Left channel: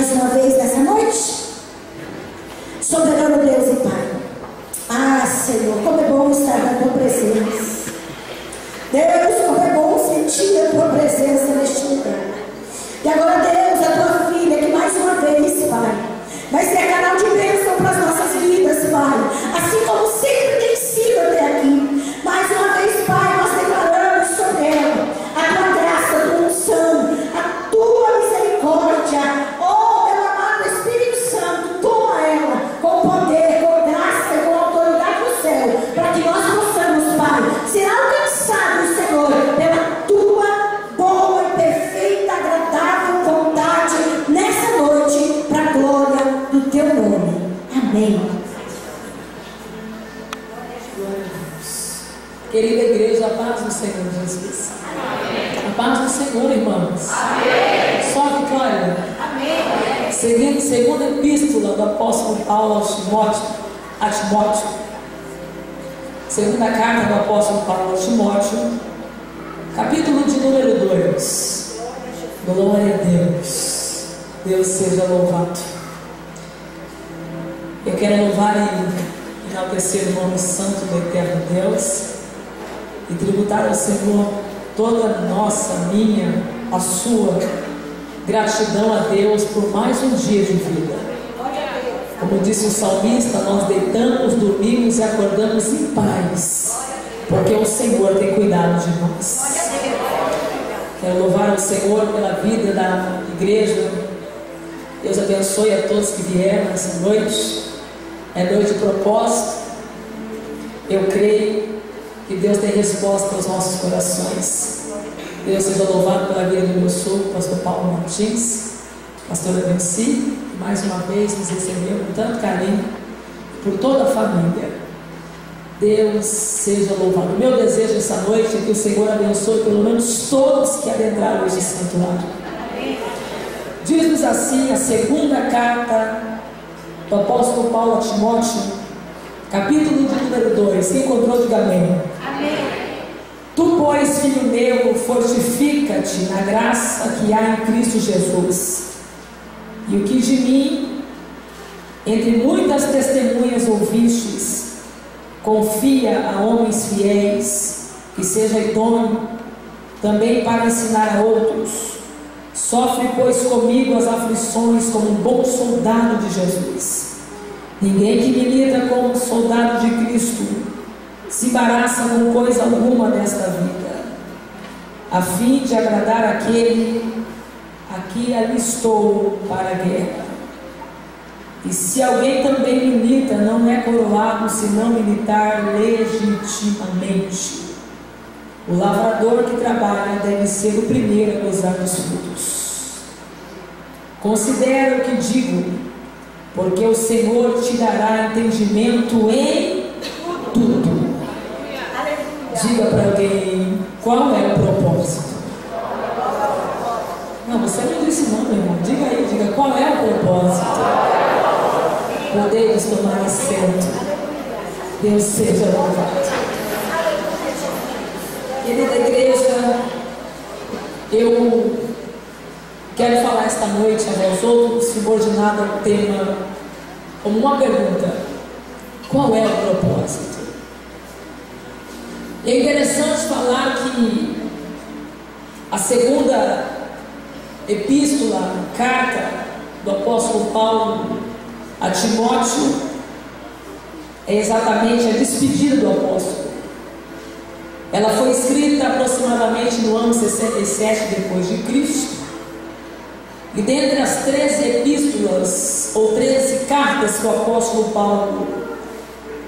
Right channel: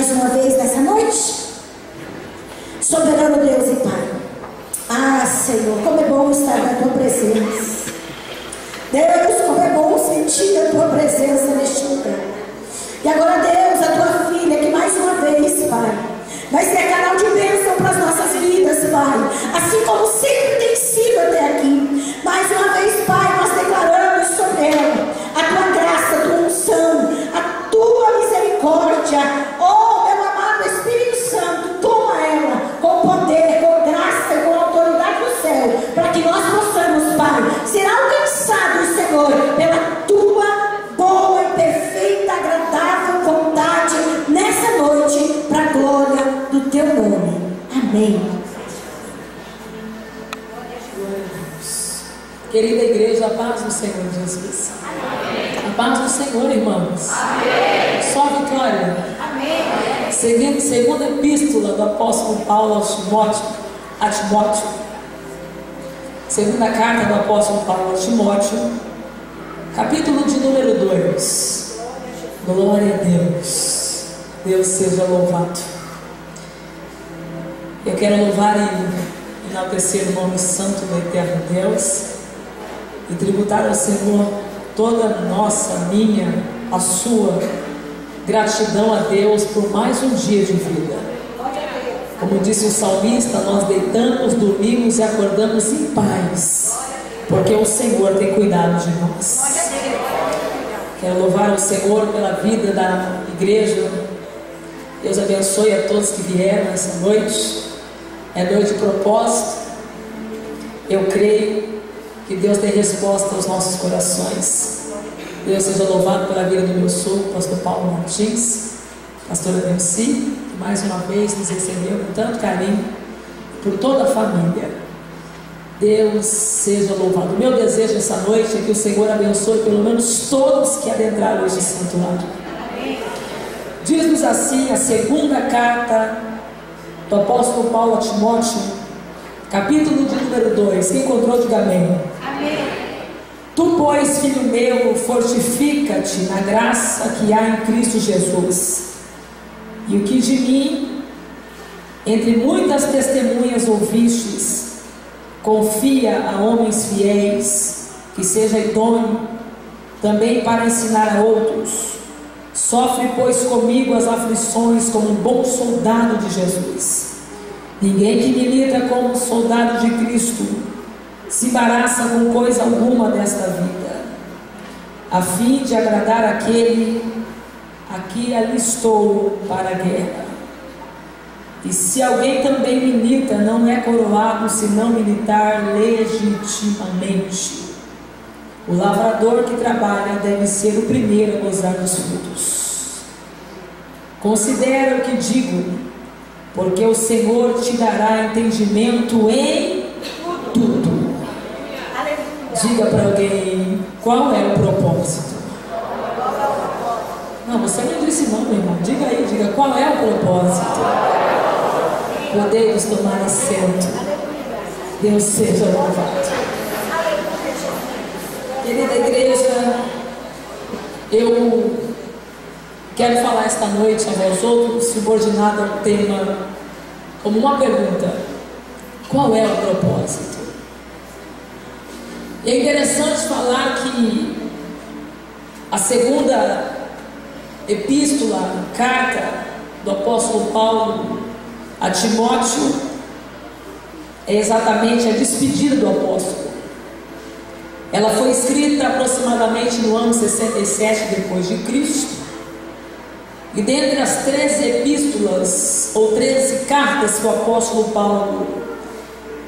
Mais uma vez nessa noite, soberano Deus e Pai. Ah, Senhor, como é bom estar na tua presença. Deus, como é bom sentir a tua presença neste lugar. E agora, Deus, a tua filha, que mais uma vez, Pai, vai ser canal de bênção para as nossas vidas, Pai, assim como sempre tem sido até aqui. Mais uma vez, Pai, nós declaramos sobre ela a tua graça, a tua unção, a tua misericórdia. Oh, meu amado Espírito Santo, toma ela com poder, com graça e com autoridade do céu, para que nós possamos, Pai, ser alcançados, Senhor, pela tua boa e perfeita, agradável vontade nessa noite, para a glória do teu nome. Amém. Querida igreja, a paz do Senhor Jesus. Amém. A paz do Senhor, irmãos. Amém. Só a vitória. Amém. Seguindo segunda epístola do apóstolo Paulo a Timóteo. Segunda carta do apóstolo Paulo a Timóteo, capítulo de número 2. Glória a Deus. Deus seja louvado. Eu quero louvar e enaltecer o nome santo do eterno Deus e tributar ao Senhor toda a nossa, minha, a sua gratidão a Deus por mais um dia de vida. Como disse o salmista, nós deitamos, dormimos e acordamos em paz, porque o Senhor tem cuidado de nós. Quero louvar ao Senhor pela vida da igreja. Deus abençoe a todos que vieram nessa noite. É noite de propósito. Eu creio que Deus tem resposta aos nossos corações. Deus seja louvado pela vida do meu sogro, pastor Paulo Martins, pastora Delci, que mais uma vez nos recebeu com tanto carinho, por toda a família. Deus seja louvado. Meu desejo essa noite é que o Senhor abençoe pelo menos todos que adentraram este santuário. Diz-nos assim a segunda carta do apóstolo Paulo a Timóteo, capítulo de número 2. Quem encontrou, diga amém. Amém. Tu, pois, filho meu, fortifica-te na graça que há em Cristo Jesus. E o que de mim, entre muitas testemunhas ouvistes, confia a homens fiéis, que seja idôneo também para ensinar a outros. Sofre, pois, comigo as aflições como um bom soldado de Jesus. Ninguém que milita como soldado de Cristo se embaraça com coisa alguma desta vida, a fim de agradar aquele a que alistou para a guerra. E se alguém também milita, não é coroado se não militar legitimamente. O lavrador que trabalha deve ser o primeiro a gozar dos frutos. Considera o que digo, porque o Senhor te dará entendimento em tudo. Diga para alguém, qual é o propósito? Não, você não disse não, meu irmão. Diga aí, diga, qual é o propósito? Podemos tomar assento. Deus seja louvado. Querida igreja, eu quero falar esta noite a vós outros, subordinado ao tema, como uma pergunta: qual é o propósito? É interessante falar que a segunda epístola, carta do apóstolo Paulo a Timóteo, é exatamente a despedida do apóstolo. Ela foi escrita aproximadamente no ano 67 depois de Cristo. E dentre as 13 epístolas ou 13 cartas que o apóstolo Paulo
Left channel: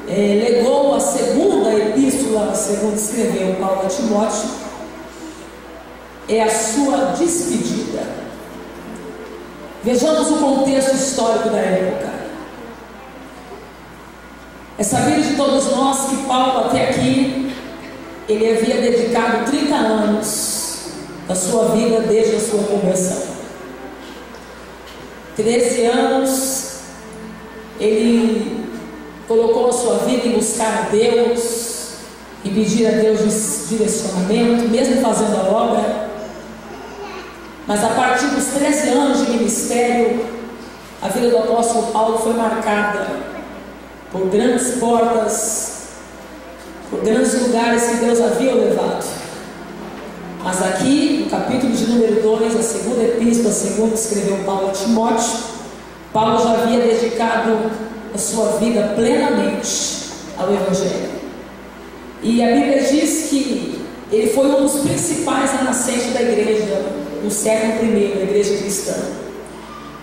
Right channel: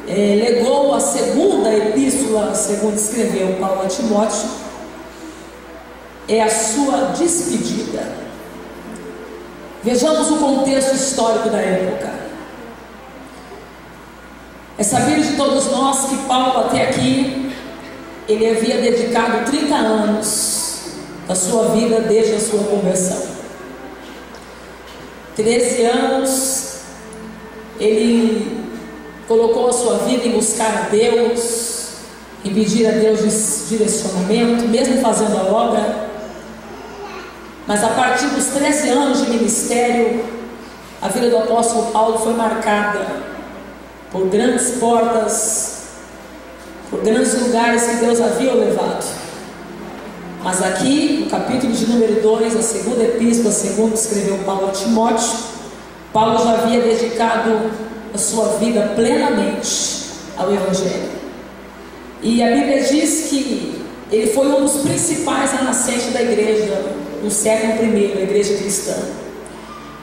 legou, a segunda epístola, segundo escreveu Paulo a Timóteo, é a sua despedida. Vejamos o contexto histórico da época. É sabido de todos nós que Paulo até aqui, ele havia dedicado 30 anos da sua vida desde a sua conversão. 13 anos ele colocou a sua vida em buscar a Deus, em pedir a Deus direcionamento, mesmo fazendo a obra. Mas a partir dos 13 anos de ministério, a vida do apóstolo Paulo foi marcada por grandes portas, por grandes lugares que Deus havia levado. Mas aqui, no capítulo de número 2, a segunda epístola, segundo escreveu Paulo a Timóteo, Paulo já havia dedicado a sua vida plenamente ao Evangelho. E a Bíblia diz que ele foi um dos principais na nascente da igreja, no século I, a igreja cristã.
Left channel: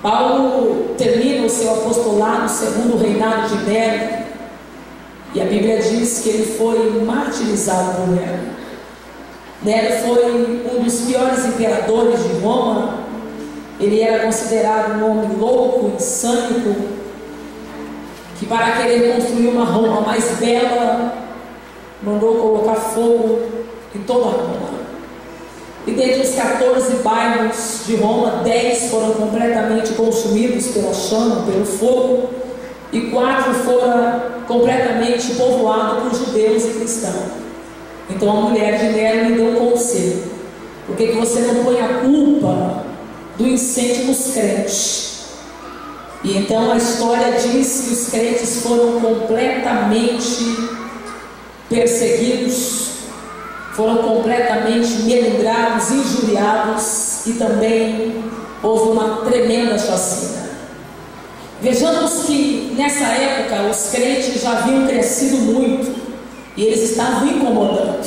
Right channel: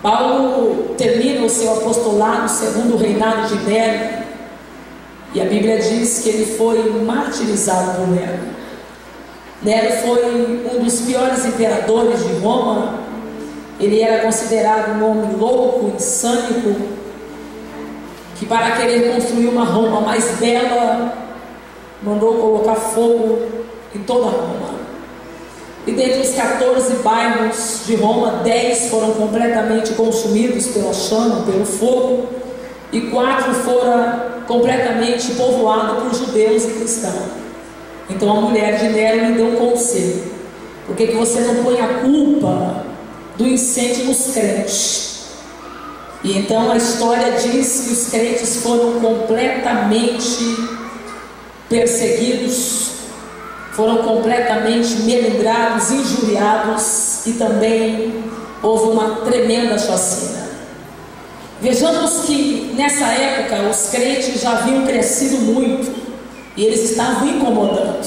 Paulo termina o seu apostolado segundo o reinado de Nero, e a Bíblia diz que ele foi martirizado por Nero. Nero foi um dos piores imperadores de Roma. Ele era considerado um homem louco, insânico, que para querer construir uma Roma mais bela, mandou colocar fogo em toda Roma. E dentre os 14 bairros de Roma, 10 foram completamente consumidos pela chama, pelo fogo, e 4 foram completamente povoados por judeus e cristãos. Então a mulher de Nero lhe deu um conselho: por que você não põe a culpa do incêndio nos crentes? E então a história diz que os crentes foram completamente perseguidos, foram completamente melindrados, injuriados, e também houve uma tremenda chacina. Vejamos que nessa época os crentes já haviam crescido muito e eles estavam incomodando.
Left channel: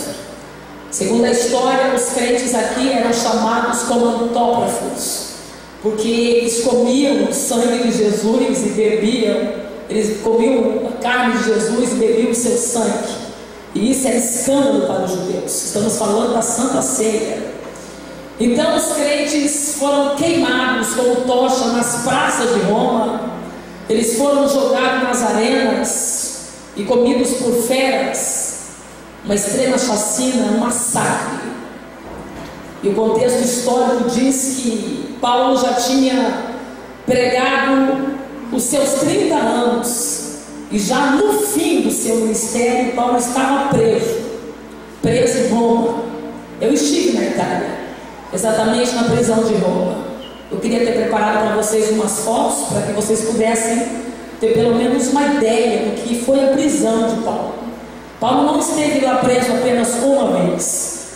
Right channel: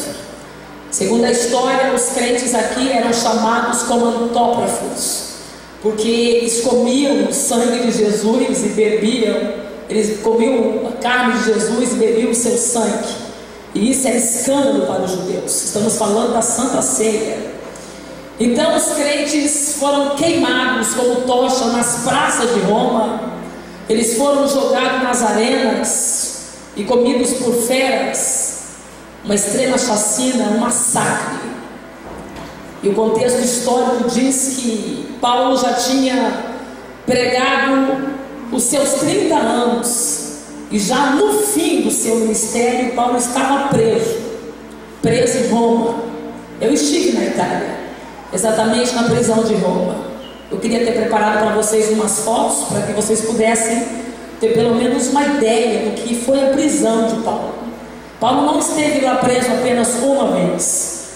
Segundo a história, os crentes aqui eram chamados como antógrafos, porque eles comiam o sangue de Jesus e bebiam, eles comiam a carne de Jesus e bebiam o seu sangue. E isso é escândalo para os judeus. Estamos falando da Santa Ceia. Então os crentes foram queimados como tocha nas praças de Roma. Eles foram jogados nas arenas e comidos por feras. Uma extrema chacina, um massacre. E o contexto histórico diz que Paulo já tinha pregado os seus 30 anos. E já no fim do seu ministério, Paulo estava preso em Roma. Eu estive na Itália, exatamente na prisão de Roma. Eu queria ter preparado para vocês umas fotos, para que vocês pudessem ter pelo menos uma ideia do que foi a prisão de Paulo. Paulo não esteve lá preso apenas uma vez,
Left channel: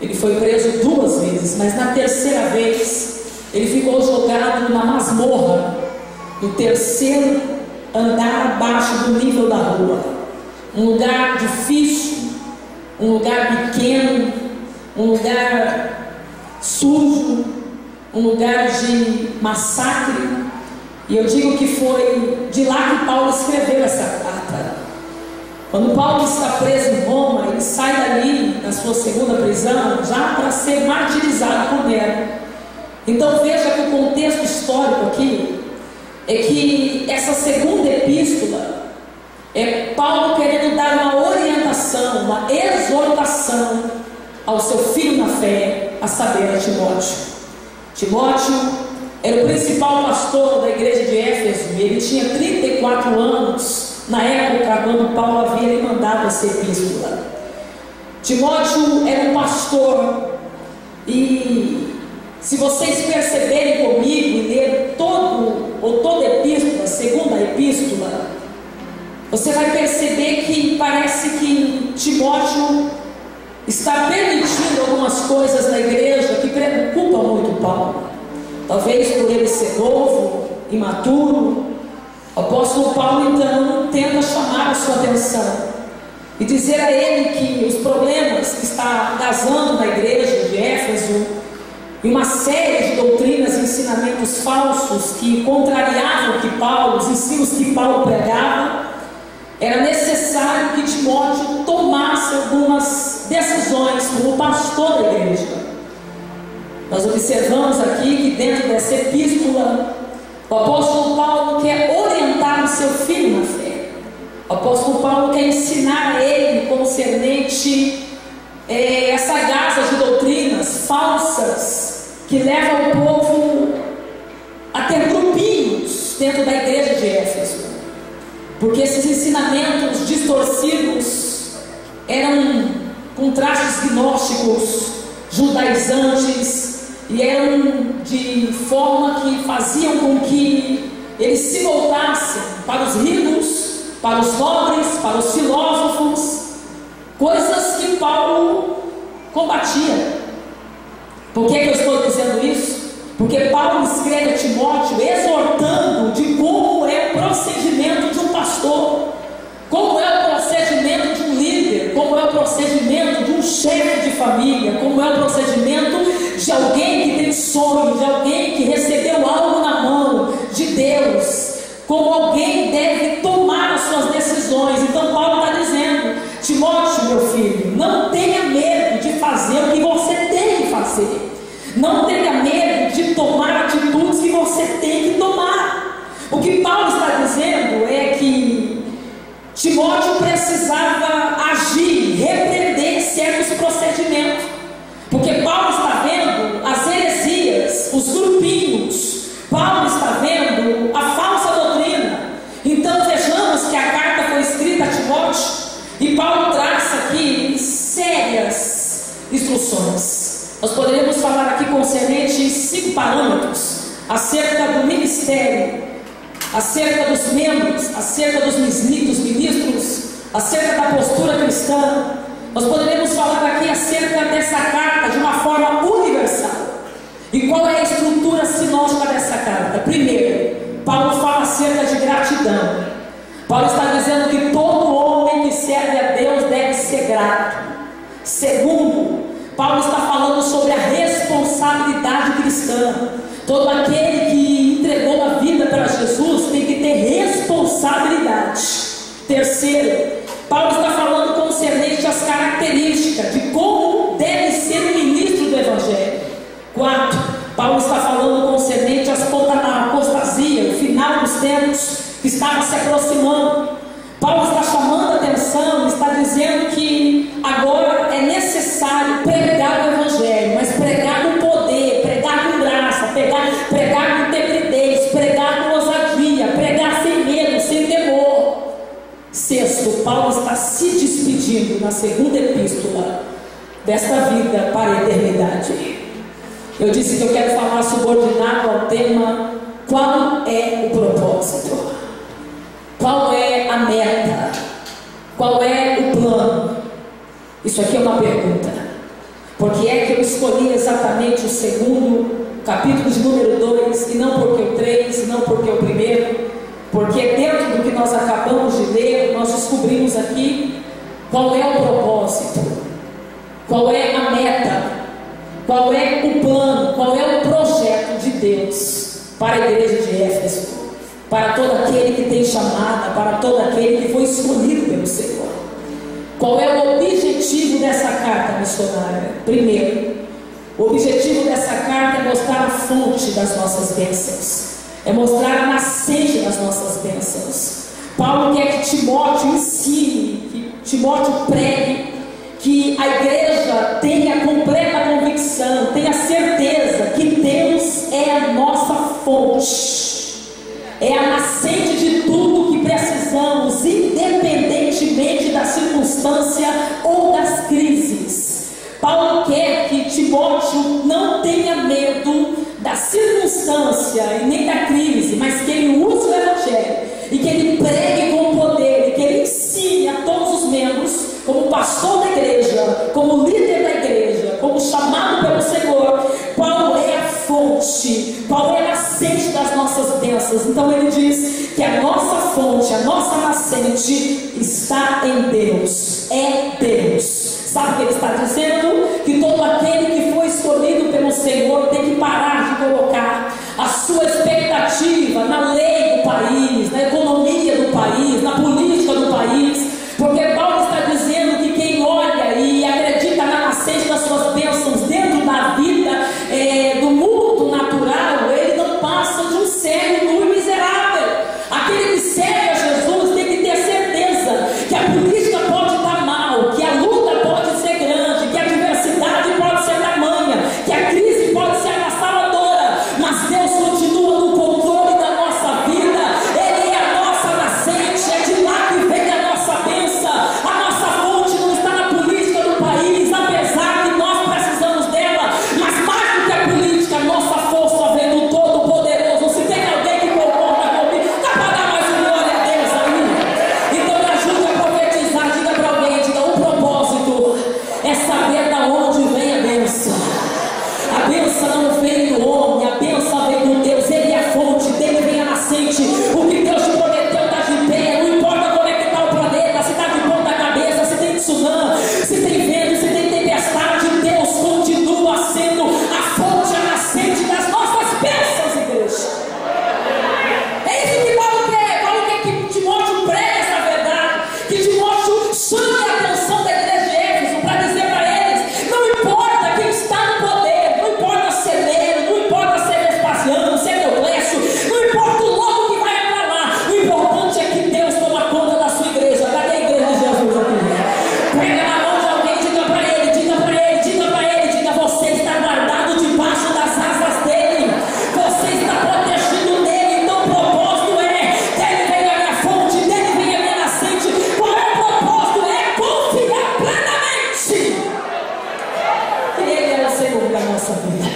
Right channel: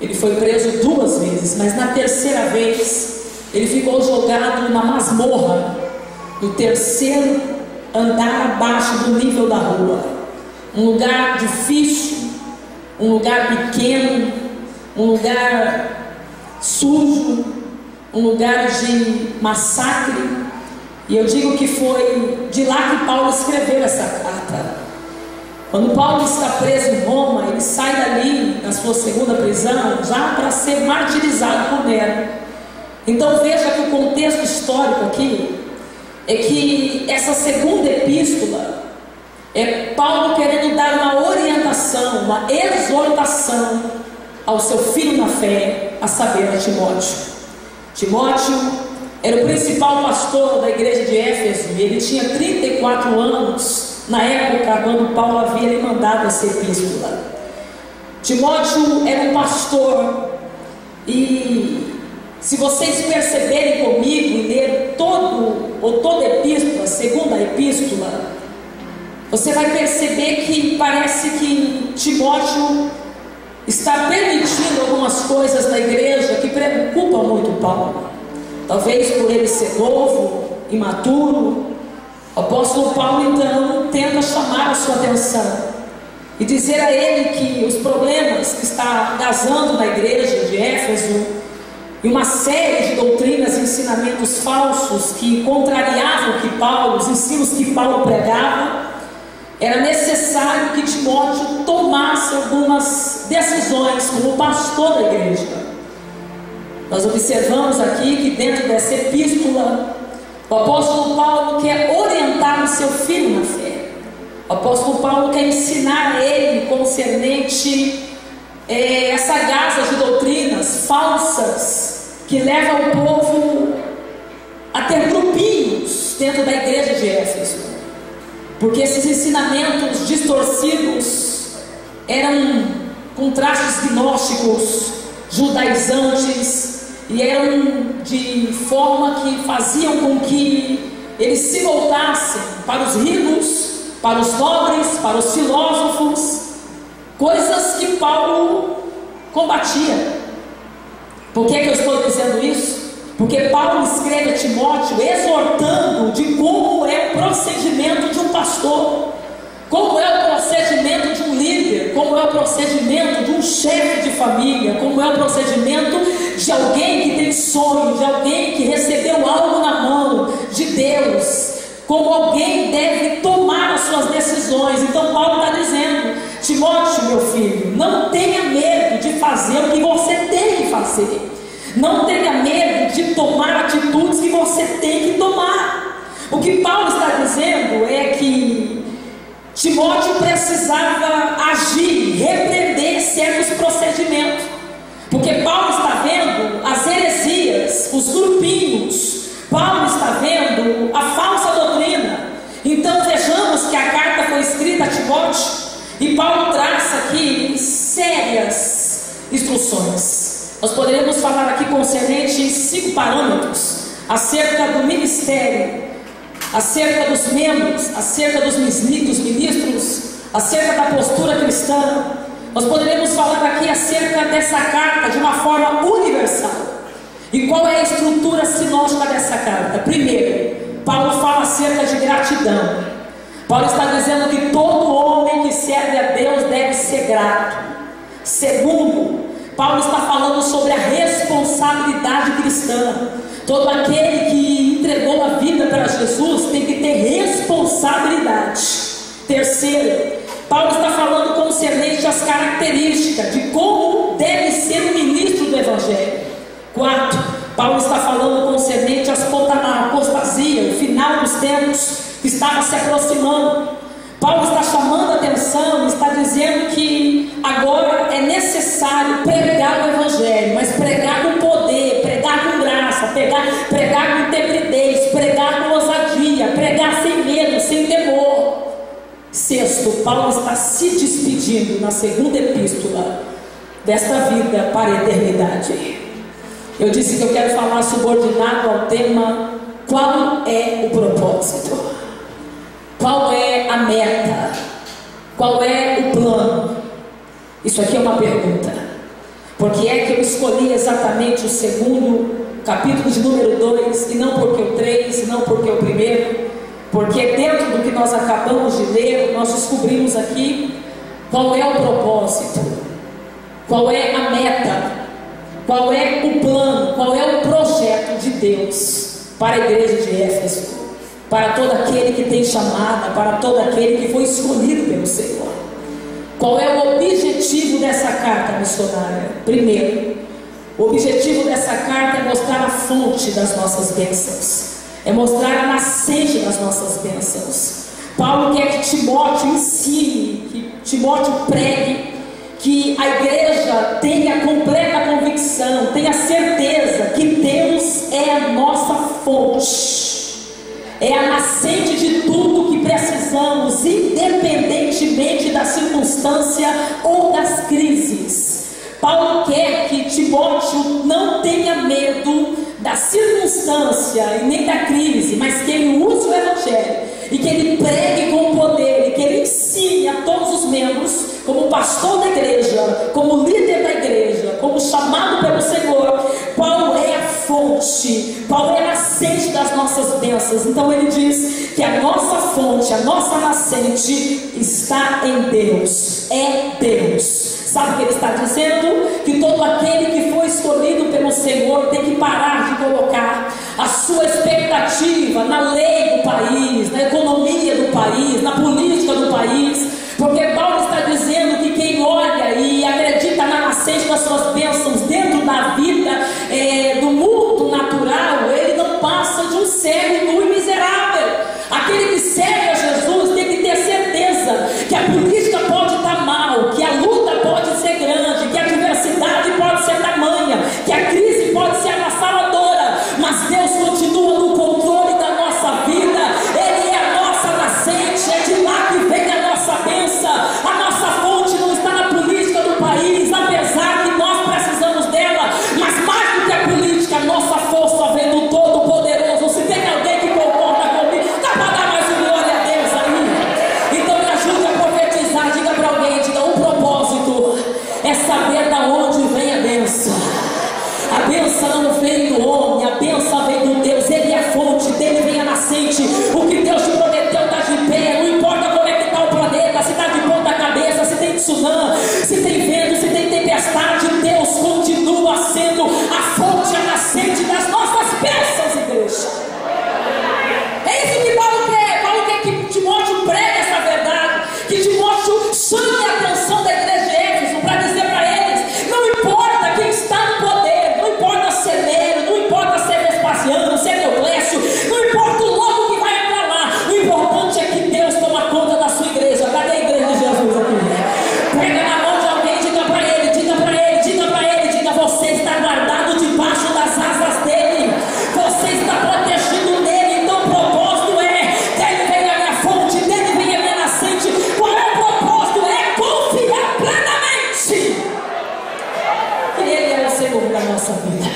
ele foi preso 2 vezes, mas na terceira vez, ele ficou jogado na masmorra, no 3º andar abaixo do nível da rua, um lugar difícil, um lugar pequeno, um lugar sujo, um lugar de massacre. E eu digo que foi de lá que Paulo escreveu essa carta. Quando Paulo está preso em Roma, ele sai dali na sua segunda prisão já para ser martirizado por Nero. Então veja que o contexto histórico aqui é que essa segunda epístola é Paulo querendo dar uma orientação, uma exortação ao seu filho na fé, a saber, a Timóteo. Timóteo era o principal pastor da igreja de Éfeso e ele tinha 34 anos na época quando Paulo havia lhe mandado essa epístola. Timóteo era um pastor, e se vocês perceberem comigo e ler toda a epístola, segunda epístola, você vai perceber que parece que Timóteo está permitindo algumas coisas na igreja que preocupam muito Paulo. Talvez por ele ser novo, imaturo. O apóstolo Paulo então tenta chamar a sua atenção e dizer a ele que os problemas que está gazando na igreja de Éfeso e uma série de doutrinas e ensinamentos falsos que contrariavam os ensinos que Paulo pregava, era necessário que Timóteo tomasse algumas decisões como pastor da igreja. Nós observamos aqui que dentro dessa epístola, o apóstolo Paulo quer orientar o seu filho na fé. O apóstolo Paulo quer ensinar a ele concernente essa gaza de doutrinas falsas que levam o povo a ter grupinhos dentro da igreja de Éfeso, porque esses ensinamentos distorcidos eram com traços gnósticos, judaizantes, e eram de forma que faziam com que eles se voltassem para os ricos, para os nobres, para os filósofos, coisas que Paulo combatia. Por que eu estou dizendo isso? Porque Paulo escreve a Timóteo exortando de como é o procedimento de um pastor, como é o procedimento de um líder, como é o procedimento de um chefe de família, como é o procedimento de alguém que tem sonho, de alguém que recebeu algo na mão de Deus, como alguém deve tomar as suas decisões. Então Paulo está dizendo: Timóteo, meu filho, não tenha medo de fazer o que você tem que fazer. Não tenha medo de tomar atitudes que você tem que tomar. O que Paulo está dizendo é que Timóteo precisava agir, repreender certos procedimentos, porque Paulo está vendo as heresias, os grupinhos, Paulo está vendo a falsa doutrina. Então vejamos que a carta foi escrita a Timóteo e Paulo traça aqui sérias instruções. Nós poderíamos falar aqui concernente 5 parâmetros acerca do ministério, acerca dos membros, acerca dos ministros, acerca da postura cristã. Nós poderíamos falar aqui acerca dessa carta de uma forma universal. E qual é a estrutura sinótica dessa carta? Primeiro, Paulo fala acerca de gratidão. Paulo está dizendo que todo homem que serve a Deus deve ser grato. Segundo, Paulo está falando sobre a responsabilidade cristã. Todo aquele que entregou a vida para Jesus tem que ter responsabilidade. Terceiro, Paulo está falando concernente às características de como deve ser o ministro do Evangelho. Quarto, Paulo está falando concernente à apostasia, o final dos tempos que estava se aproximando. Paulo está chamando a atenção, está dizendo que agora é necessário pregar o Evangelho, mas pregar com poder, pregar com graça, pregar com integridade, pregar com ousadia, pregar sem medo, sem temor. Sexto, Paulo está se despedindo na segunda epístola desta vida para a eternidade. Eu disse que eu quero falar subordinado ao tema: qual é o propósito? Qual é a meta? Qual é o plano? Isso aqui é uma pergunta. Por que é que eu escolhi exatamente o segundo capítulo de número 2 e não porque o 3, e não porque o primeiro? Porque dentro do que nós acabamos de ler, nós descobrimos aqui qual é o propósito, qual é a meta, qual é o plano, qual é o projeto de Deus para a igreja de Éfeso, para todo aquele que tem chamada, para todo aquele que foi escolhido pelo Senhor. Qual é o objetivo dessa carta missionária? Primeiro, o objetivo dessa carta é mostrar a fonte das nossas bênçãos, é mostrar a nascente das nossas bênçãos. Paulo quer que Timóteo ensine, que Timóteo pregue, que a igreja tenha completa convicção, tenha certeza que Deus é a nossa fonte, é a nascente de tudo que precisamos, independentemente da circunstância ou das crises. Paulo quer que Timóteo não tenha medo da circunstância e nem da crise, mas que ele use o Evangelho e que ele pregue com poder e que ele ensine a todos os membros, como pastor da igreja, como líder da igreja, como chamado pelo Senhor, qual é a fonte, qual é a nascente das nossas bênçãos. Então ele diz que a nossa fonte, a nossa nascente está em Deus, é Deus. Sabe o que ele está dizendo? Que todo aquele que foi escolhido pelo Senhor tem que parar de colocar a sua expectativa na lei do país, na economia do país, na política do país, porque Paulo está dizendo que quem olha e acredita na nascente das suas bênçãos dentro da vida, do mundo natural, ele não passa de um cego, nu e miserável. Aquele que serve a Jesus tem que ter certeza que a política pode estar mal, que a luta pode ser grande, que a adversidade pode ser tamanha, que a crise pode ser avassaladora, mas Deus continua no controle da nossa vida. nossa vida.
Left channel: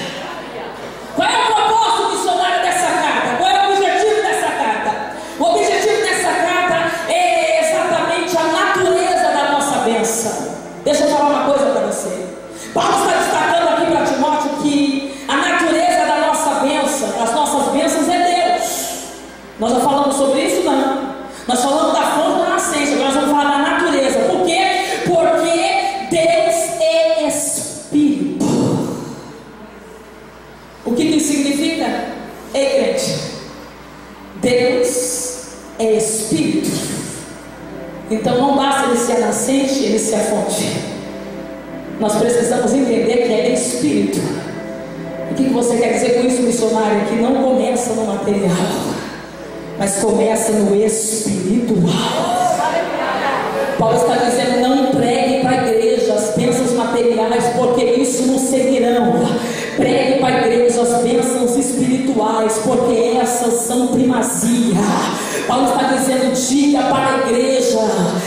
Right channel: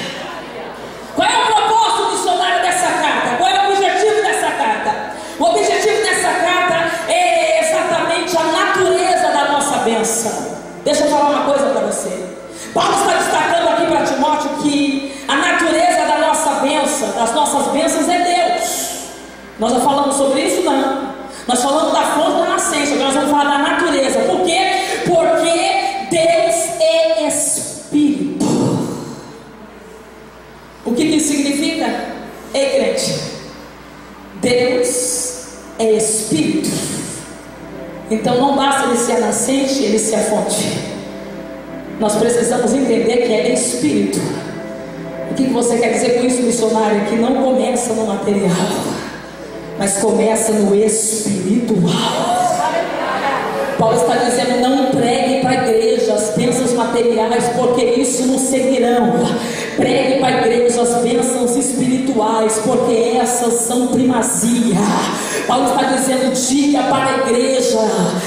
Qual é o propósito missionário dessa carta? Qual é o objetivo dessa carta? O objetivo dessa carta é exatamente a natureza da nossa bênção. Deixa eu falar uma coisa para você. Paulo está destacando aqui para Timóteo que a natureza da nossa bênção, das nossas bênçãos é Deus. Nós já falamos sobre isso? Não. Nós falamos da fonte da nascença, agora nós vamos falar da natureza. Por quê? Porque Deus é Espírito. O que isso significa? Ei, crente, Deus é Espírito. Então não basta ele ser a nascente, ele ser a fonte. Nós precisamos entender que é Espírito. O que você quer dizer com isso, missionário? Que não começa no material, mas começa no espiritual. Paulo está dizendo: não pregue para a igreja as bênçãos materiais, porque isso não seguirão. Pregue para a igreja as bênçãos espirituais, porque essas são primazia. Paulo está dizendo: diga para a igreja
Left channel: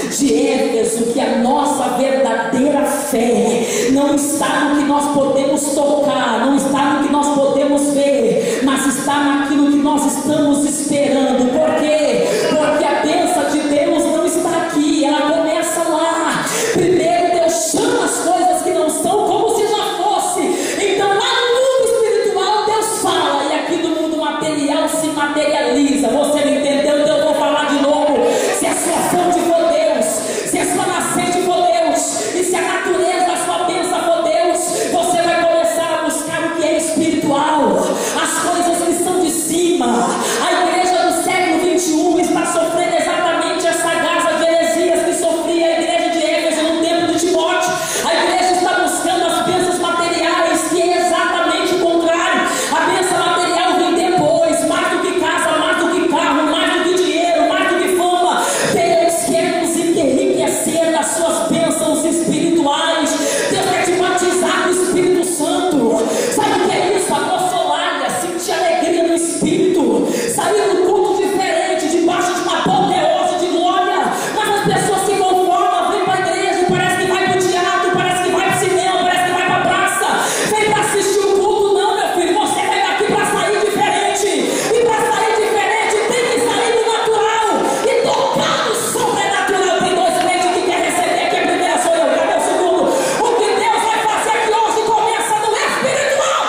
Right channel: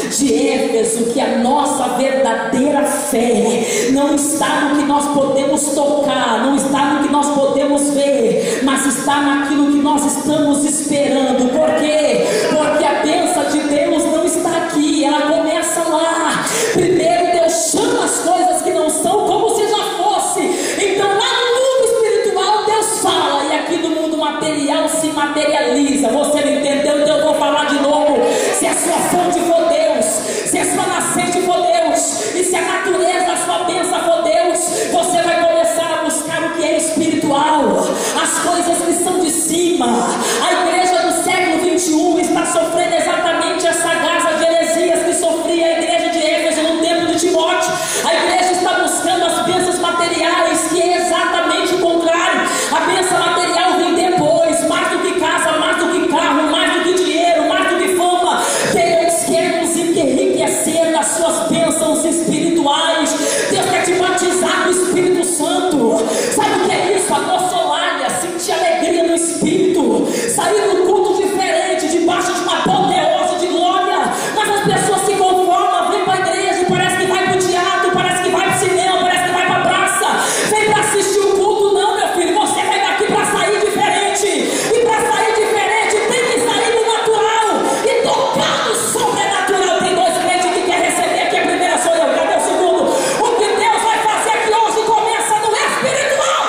de Éfeso que a nossa verdadeira fé não está no que nós podemos tocar, não está no que nós podemos ver, mas está naquilo que nós estamos esperando. Por quê? Porque a bênção de Deus não está aqui, ela começa lá. Primeiro Deus chama as coisas que não são como se já fosse. Então lá no mundo espiritual Deus fala, e aqui no mundo material se materializa. Você não entendeu? Então eu vou falar de novo. Se a sua fonte for Deus, se a sua nascente for Deus, e se a natureza da sua bênção for Deus, você vai começar a buscar o que é espiritual, as coisas que são de cima. A igreja do século 21 está sofrendo exatamente essa garça de heresias que sofria a igreja de Éfeso no tempo de Timóteo. A igreja está buscando as bênçãos materiais, que é exatamente o contrário. A bênção material vem depois, mais do que casa, mais do que carro, mais do que dinheiro, mais do que fama. Deus quer nos enriquecer nas suas bênçãos espirituais. Deus quer te batizar com o Espírito Santo. Sabe o que é isso? Apossolar, sentir alegria no Espírito, sair do culto diferente, debaixo de uma apoteose de glória. Mas as pessoas se conformam, vêm para a igreja, parece que vai para o teatro, parece que vai para o cinema, parece que vai para a praça, vem para assistir o culto. Não, meu filho, você vai daqui para sair diferente, e para sair diferente tem que sair do natural e tocar no sobrenatural. Tem dois crentes que querem receber aqui, a primeira sou eu, cadê o segundo? O que Deus vai fazer aqui hoje começa no espiritual.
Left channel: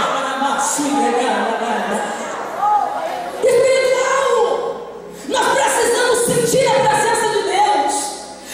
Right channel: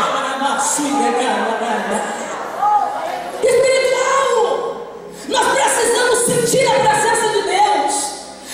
Espiritual. Nós precisamos sentir a presença de Deus.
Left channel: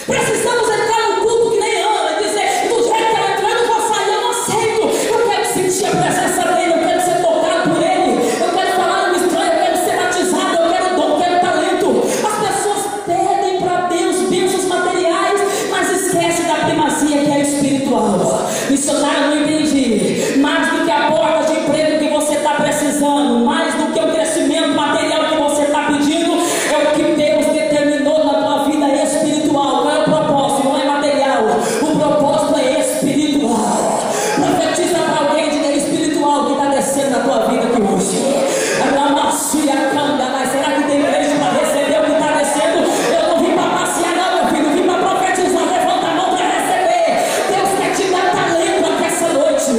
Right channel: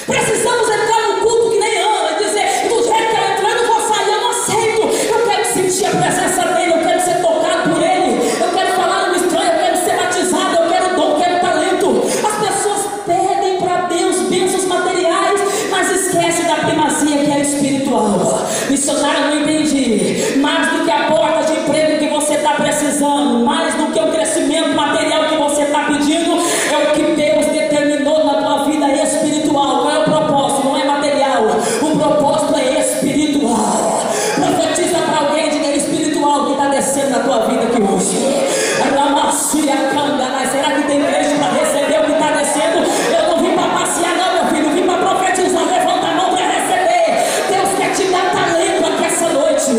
Precisamos entrar no culto que nem Ana e dizer: do jeito que ela entrou eu não vou sair, eu não aceito. Eu quero sentir a presença dele, eu quero ser tocado por ele, eu quero falar no estranho, eu quero ser batizado, eu quero dom, eu quero talento. As pessoas pedem para Deus bênçãos materiais, mas esquecem da primazia que é espiritual. Missionário, não entendi. Mais do que a porta de emprego que você está precisando, mais do que o crescimento material que você está pedindo, é o que Deus determinou na tua vida espiritual. Qual é o propósito? Não é material, o propósito é espiritual. Profetiza para alguém, diga: espiritual que está descendo na tua vida aqui hoje. Mas será que tem igreja para receber o que está descendo? Eu não vim para passear não, meu filho, vim para profetizar. Levanta a mão para receber. Deus quer te dar talento aqui essa noite.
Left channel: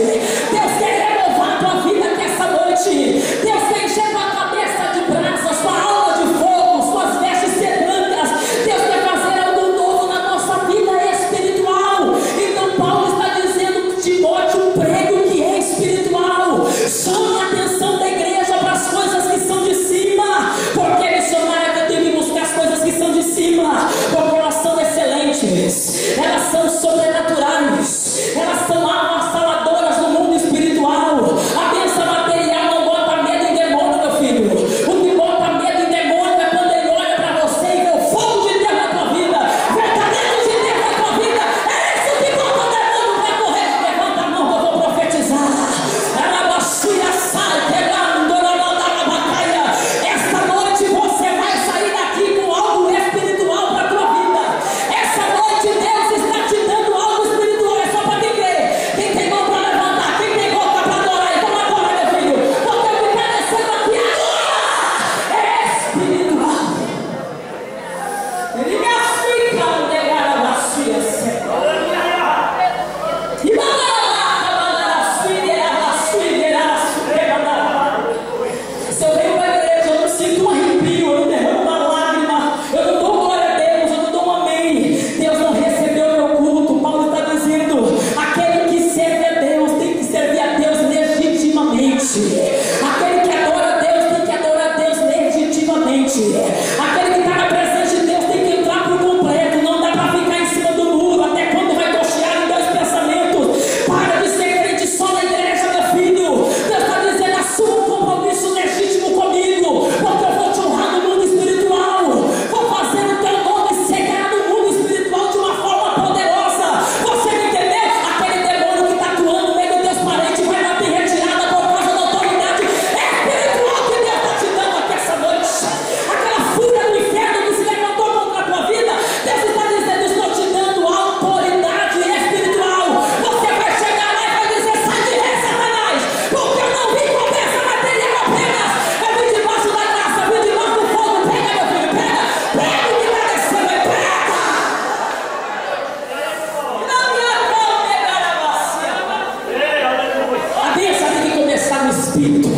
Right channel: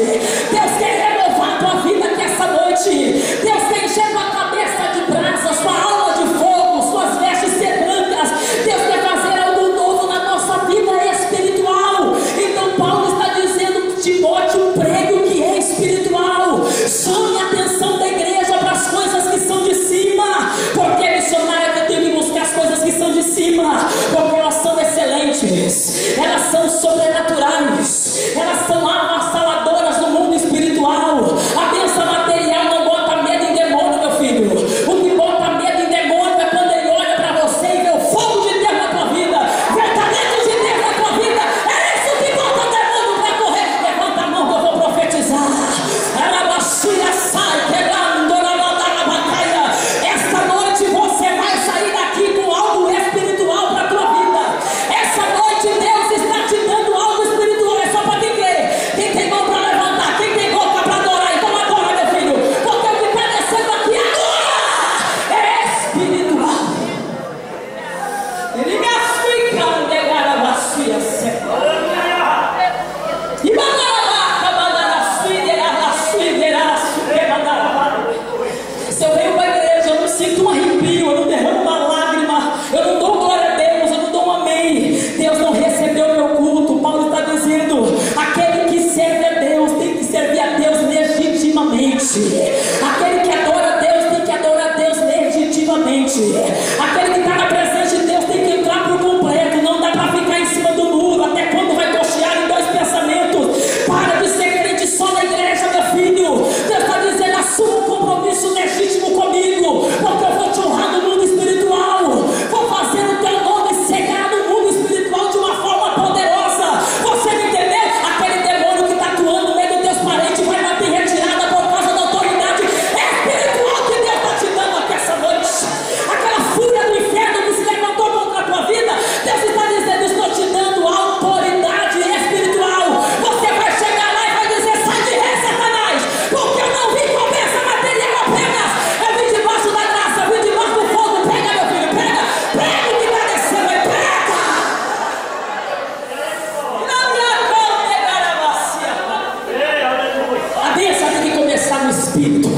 espírito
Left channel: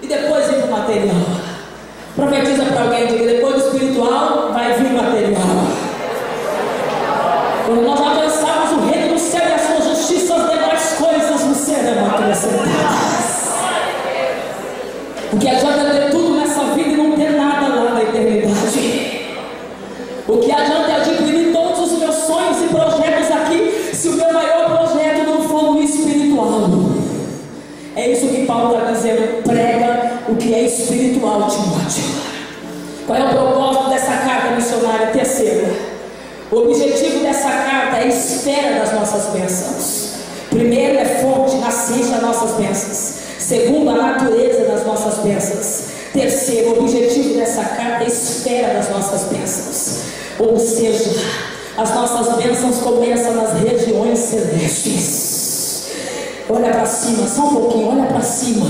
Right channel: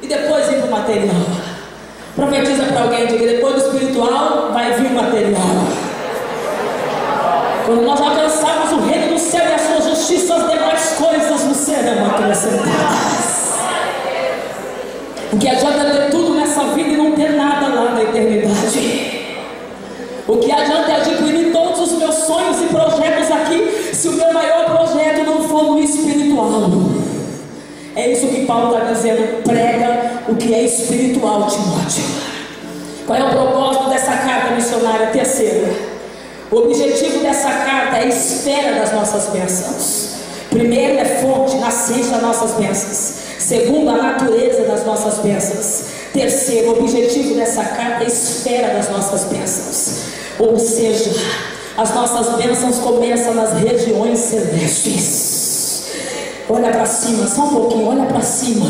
e depois ir para o material. Profetiza para alguém, diga: depois do espiritual vai vir o material. Quando nós alcançarmos o reino do céu e a sua justiça, as demais coisas nos serão acrescentadas. O que adianta ter tudo nessa vida e não ter nada lá na eternidade? O que adianta é adquirir todos os meus sonhos e projetos aqui, se o meu maior projeto não for no espiritual? É isso que Paulo está dizendo: prega o que é espiritual, Timóteo. Qual é o propósito dessa carta missionária? Terceira, o objetivo dessa carta é a espera das nossas bênçãos. Primeiro, é fonte, nascente das nossas bênçãos. Segundo, a natureza das nossas bênçãos. Terceiro, o objetivo dessa carta é a espera das nossas bênçãos. Ou seja, as nossas bênçãos começam nas regiões celestes. Olha para cima, só um pouquinho, olha para cima.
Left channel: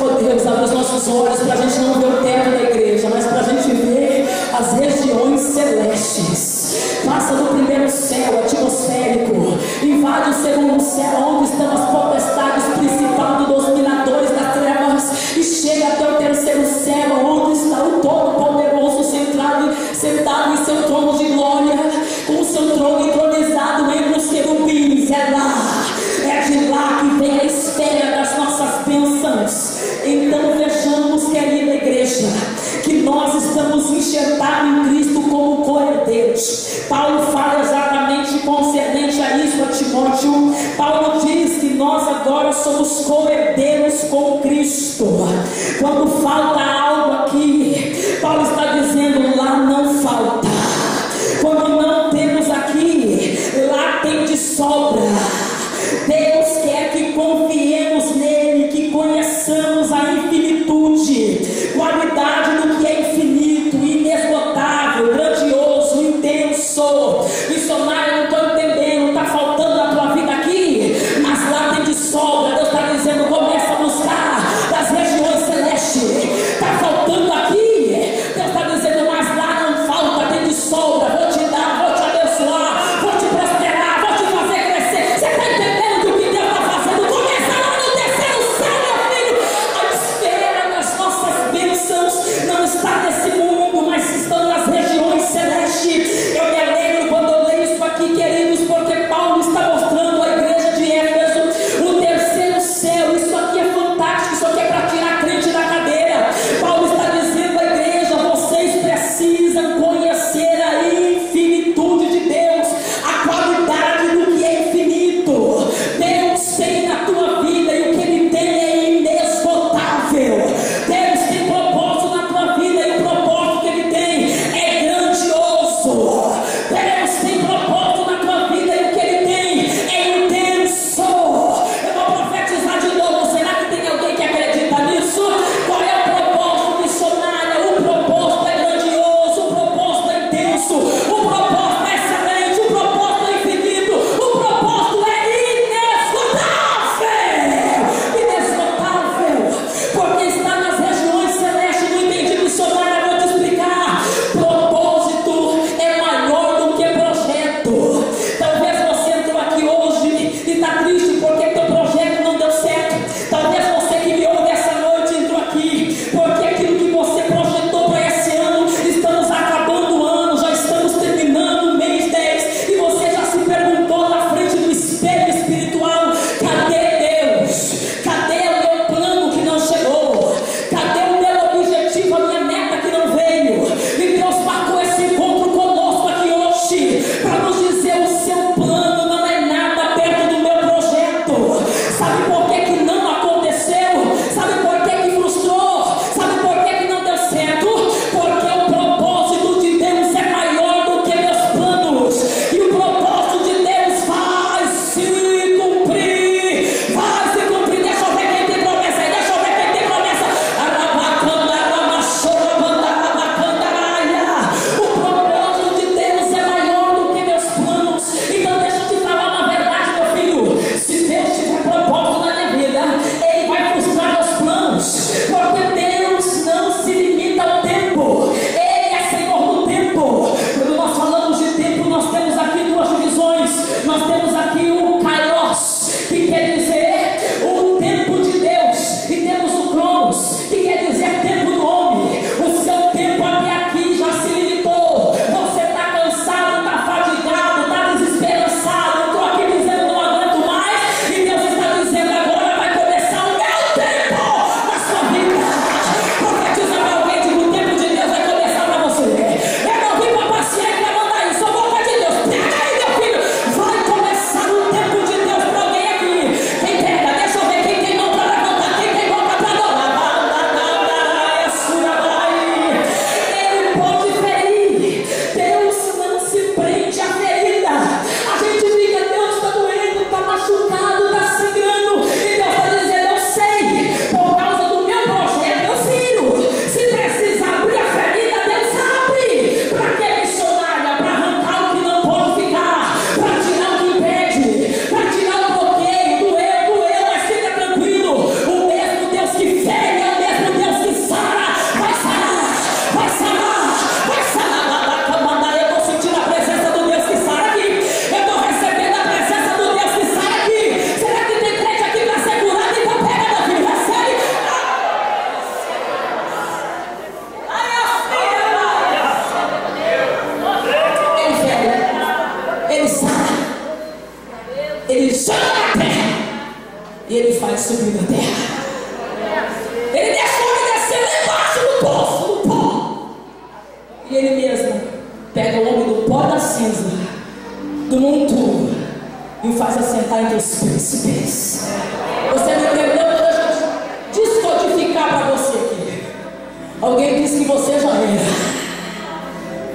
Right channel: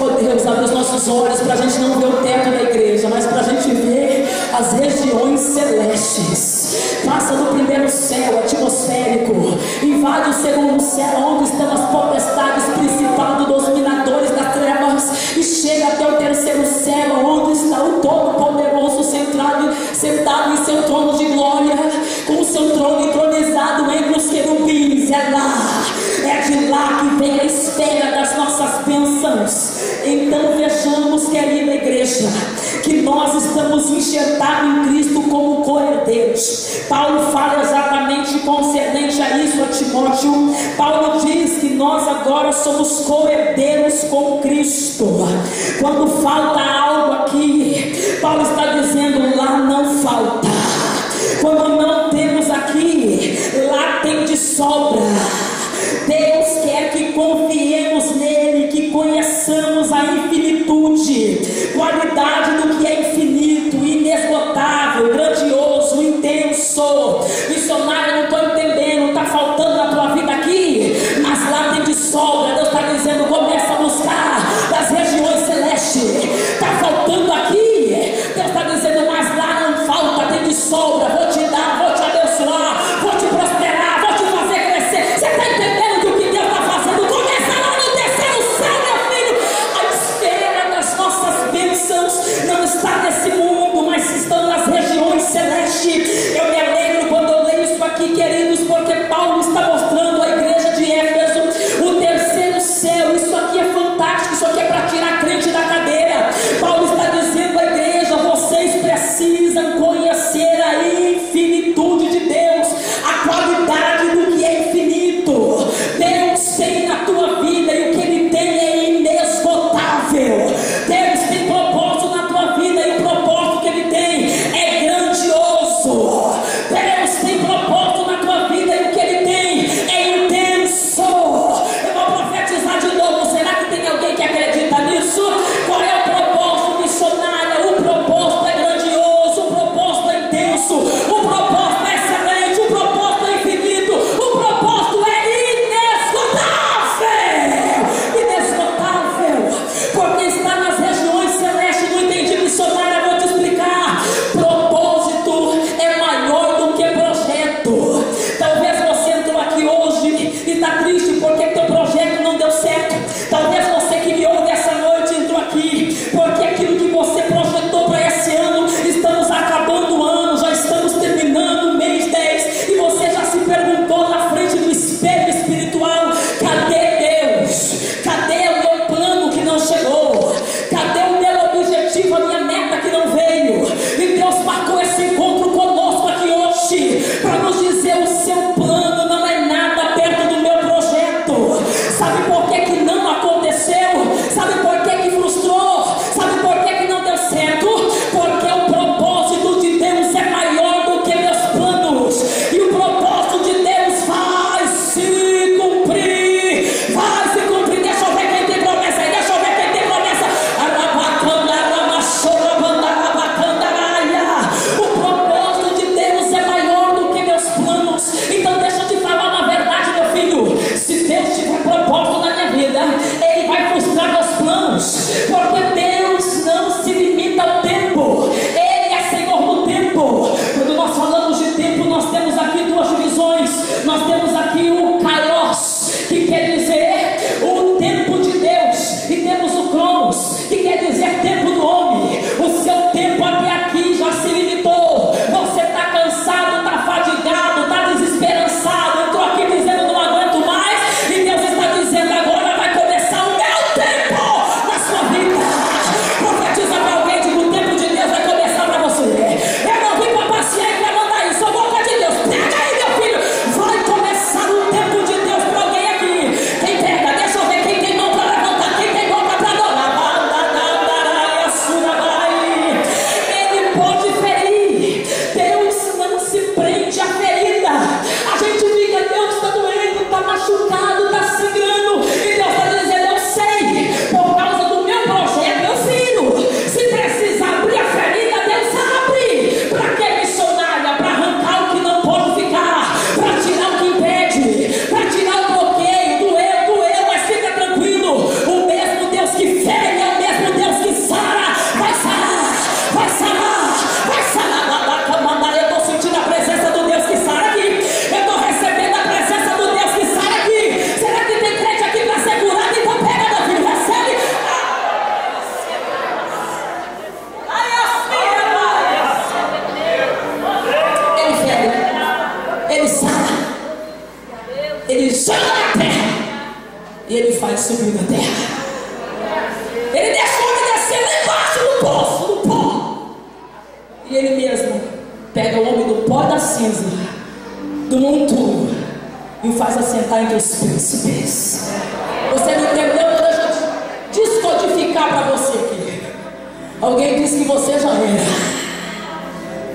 Oh Deus, abre os nossos olhos para a gente não ver o teto da igreja, mas para a gente ver as regiões celestes. Passa do primeiro céu atmosférico, invade o segundo céu, onde estão as potestades principais dos dominadores das trevas, e chega até o terceiro céu, onde está o Todo-Poderoso sentado em seu trono de glória, com o seu trono entronizado entre os querubins. É de lá que vem a espera das nossas bênçãos. Então vejamos, querida igreja, que nós estamos enxertados em Cristo como co-herdeiros. Paulo fala exatamente concernente a isso a Timóteo. Paulo diz que nós agora somos co-herdeiros com Cristo. Quando falta algo aqui, Paulo está dizendo: lá não falta. Quando não temos aqui, lá tem de sobra. Deus quer que confiemos nele, que conheçamos a infinitude, qualidade do que é infinito, inesgotável, grandioso, intenso. Missionário, não estou entendendo, está faltando na tua vida aqui, mas lá tem de sobra. Deus está dizendo: começa a buscar das regiões celestes. Está faltando aqui, Deus está dizendo: mas lá não falta, tem de sobra. Vou te dar, vou te abençoar, vou te prosperar, vou te fazer crescer. Você e Ele faz subir da terra. Ele deixa o homem descer lá embaixo no poço, no pó, e Ele mesmo pega o homem do pó da cinza, do monturo, e o faz assentar entre os príncipes. Você não entendeu? Deixa eu descodificar para você aqui. Alguém disse que você já era.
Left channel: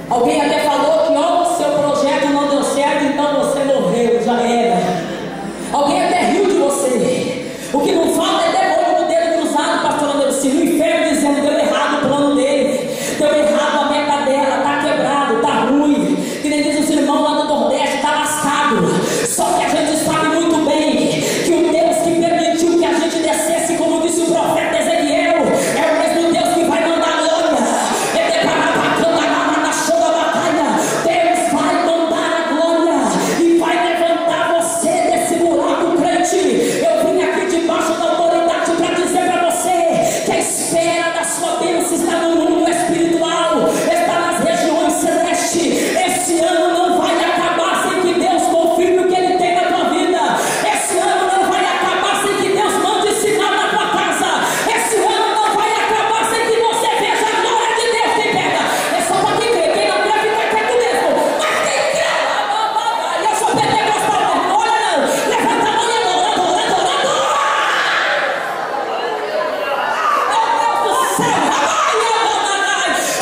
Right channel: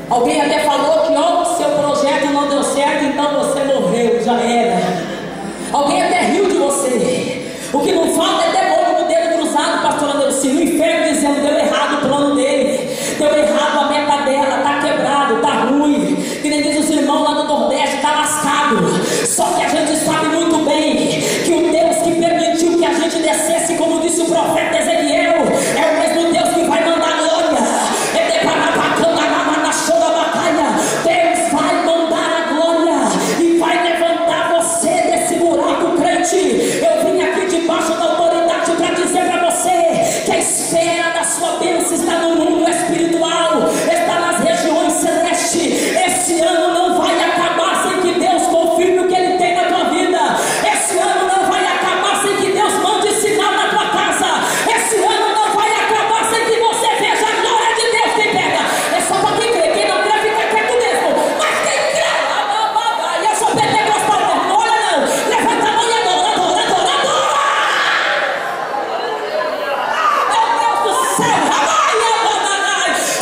Alguém até falou que o seu projeto não deu certo, então você morreu, já era. Alguém até riu de você. O que não falta é demônio no dedo cruzado, pastora Neuci, no inferno dizendo: deu errado o plano dele, deu errado a meta dela, tá quebrado, tá ruim. Que nem diz os irmãos lá do Nordeste, tá lascado. Só que a gente sabe muito bem que o Deus que permitiu que a gente descesse, como disse o profeta Ezequiel, é o mesmo Deus que vai mandar glória. Deus vai mandar a glória e vai levantar você desse buraco, crente. Eu vim aqui debaixo da autoridade para dizer para você que a espera da sua bênção está no mundo espiritual, está nas regiões celestes. Esse ano não vai acabar sem que Deus confirme o que Ele tem na tua vida. Esse ano não vai acabar sem que Deus mande sinal na tua casa. Esse ano não vai acabar sem que você veja a glória de Deus. Quem pega? É só para quem crê. Quem não crê fica quieto mesmo. Mas quem crê, e eu sou pentecostal mesmo. Olha não, levanta a mão e adora, adora, adora, adora. Meu Deus do céu,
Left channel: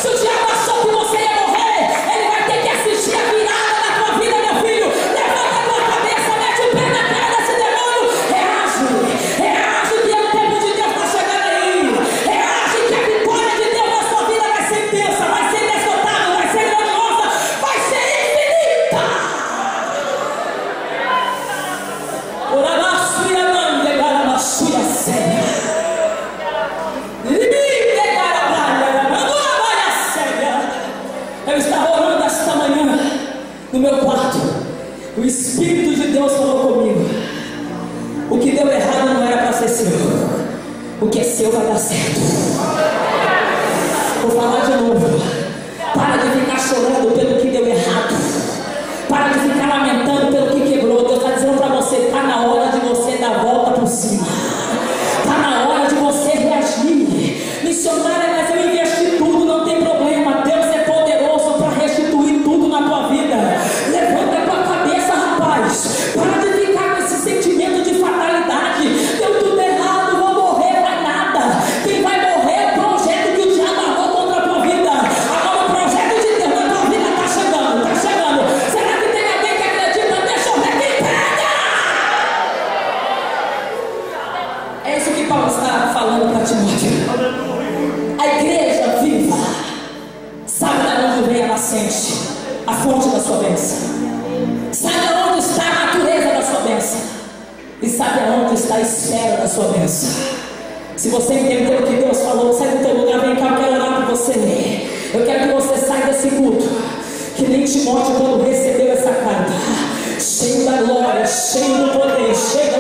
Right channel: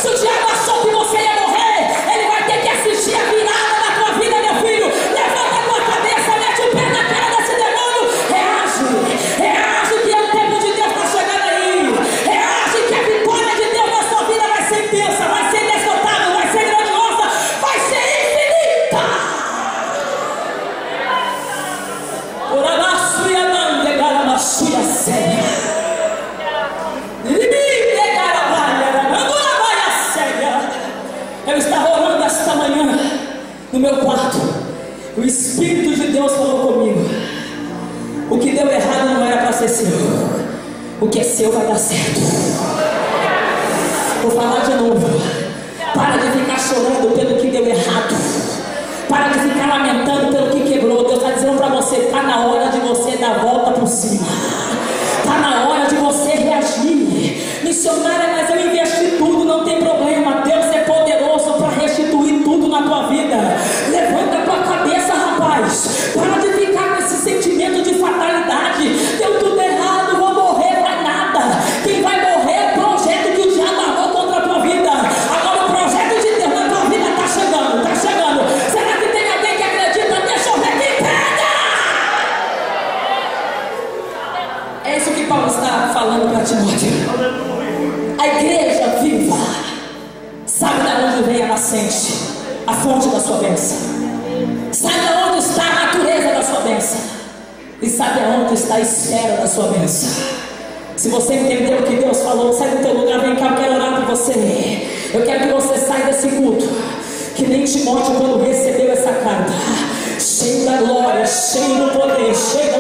se o diabo achou que você ia morrer, ele vai ter que assistir a virada da tua vida, meu filho. Levanta a tua cabeça, mete o pé na cara desse demônio. Reage, reage que o tempo de Deus está chegando aí. Reage que a vitória de Deus na sua vida vai ser intensa, vai ser inesgotável, vai ser grandiosa, vai ser infinita. Orabaçuia não, legarabaçuia séria. Eu estava orando esta manhã no meu quarto. O Espírito de Deus falou comigo: o que deu errado não era para ser seu, o que é seu vai dar certo. Vou falar de novo. Para de ficar chorando pelo que deu errado. Para de ficar lamentando pelo que quebrou. Deus está dizendo para você: está na hora de você dar a volta por cima. Está na hora de você reagir. Missionária, mas eu investi tudo, não tem problema. Deus é poderoso para restituir tudo na tua vida. Levanta a tua cabeça, rapaz. Para de ficar com esse sentimento de fatalidade. Deu tudo errado, vou morrer, vai nada. Quem vai morrer é o projeto que o diabo armou contra a tua vida. Agora o projeto de Deus na tua vida está chegando, está chegando. Será que tem alguém que acredita? Deixa eu ver quem pega. É isso que Paulo está falando para Timóteo. A igreja viva sabe de onde vem a nascente, a fonte da sua bênção. Sabe de onde está a natureza da sua bênção. E sabe aonde está a esfera da sua bênção. Se você entendeu o que Deus falou, sai do teu lugar, vem cá, eu quero orar por você. Eu quero que você saia desse culto que nem Timóteo quando recebeu essa carta, cheio da glória, cheio do poder, cheio da